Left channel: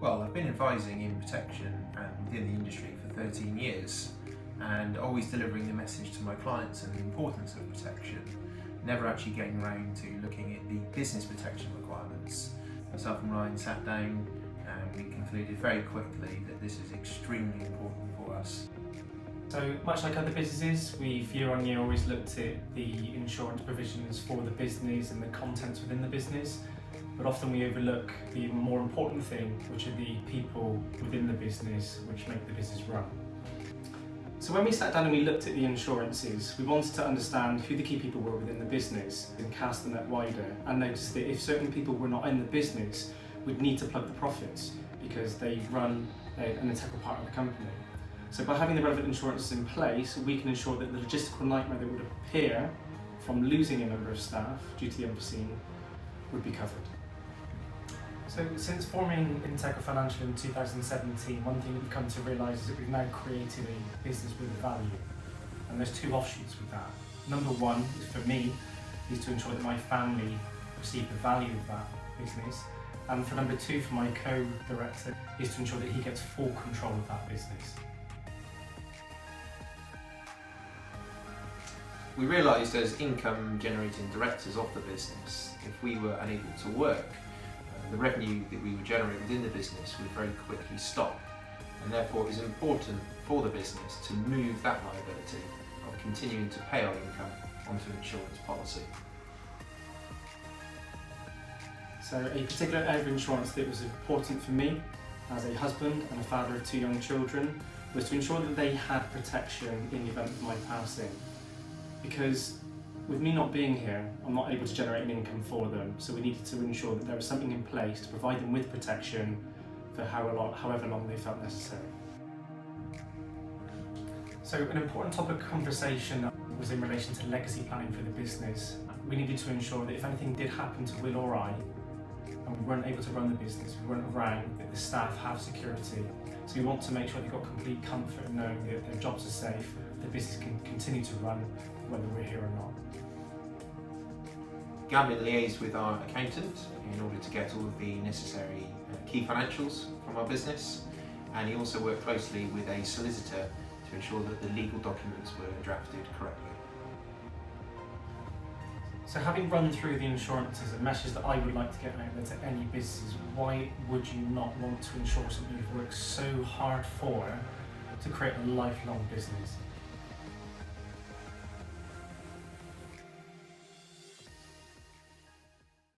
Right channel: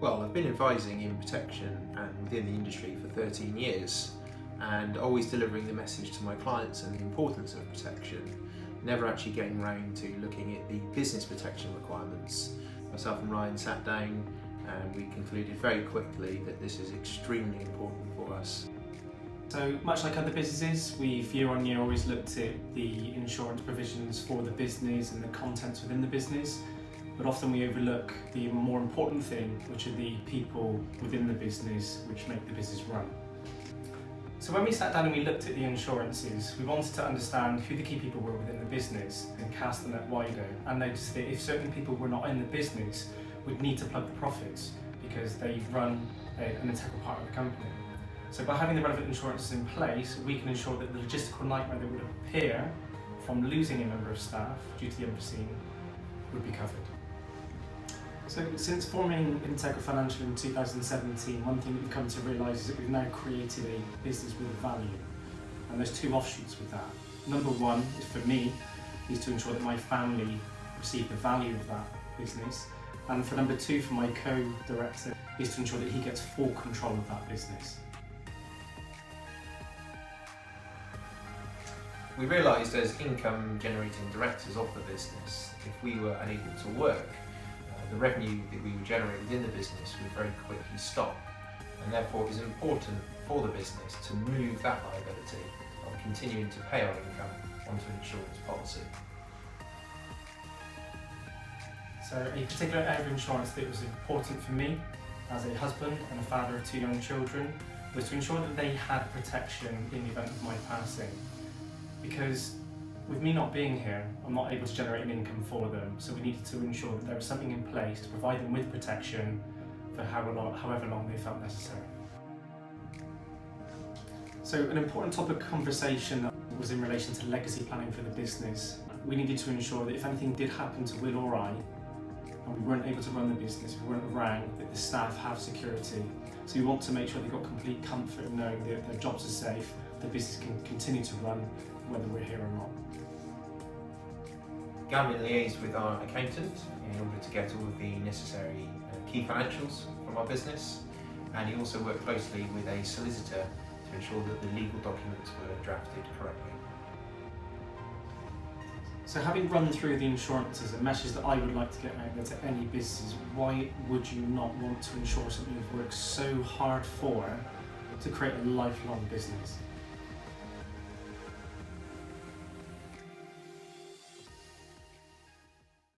Well, I've been advising in protection and within the industry for 13 years and always delivering the message to my clients and the importance of protection, never actually getting around to looking at the business protection requirements. Myself and Ryan sat down and we concluded very quickly that this is extremely important for us. So much like other businesses, we've year on year always looked at the insurance provisions for the business and the contents within the business, but often we overlook the more important thing, which are the people within the business which make the business run. So when we sat down and we looked at the insurances, we wanted to understand who the key people were within the business and cast the net wider, and noticed that if certain people were not in the business, we'd need to plug the profits because they run an integral part of the company. So by having the relevant insurances in place, we can ensure that the logistical nightmare that would appear from losing a number of staff due to the unforeseen would be covered. So since forming Integra Financial in 2017, one thing that we've come to realise is that we've now created a business with value. And there's two offshoots with that. Number one is for me, is to ensure that my family receive the value of that business. And for number two, for my co-director, is to ensure that he gets full control of that business. We realised as income generating directors of the business, if we were unable to work, the revenue that we would generate within the business would very quickly stop, and therefore it is important for the business to move that liability of continuing to pay our income onto an insurance policy. So a particular area of insurance that was important for me as a husband and a father of two young children was to ensure that they had protection in the event of my passing. Because with me not being here, I'm not able to generate an income for them, so we needed to ensure that there was something in place to provide them with protection for however long they felt necessary. So an important topic of conversation was in relation to legacy planning for the business. We needed to ensure that if anything did happen to Will or I, and we weren't able to run the business, we weren't around, that the staff have security. So we want to make sure they've got complete comfort in knowing that their jobs are safe, the business can continue to run whether we're here or not. Gavin liaised with our accountant in order to get all of the necessary key financials from our business, and he also worked closely with a solicitor to ensure that the legal documents were drafted correctly. So having run through the insurances, a message that I would like to get out there to any business: why would you not want to insure something you've worked so hard for to create a lifelong business?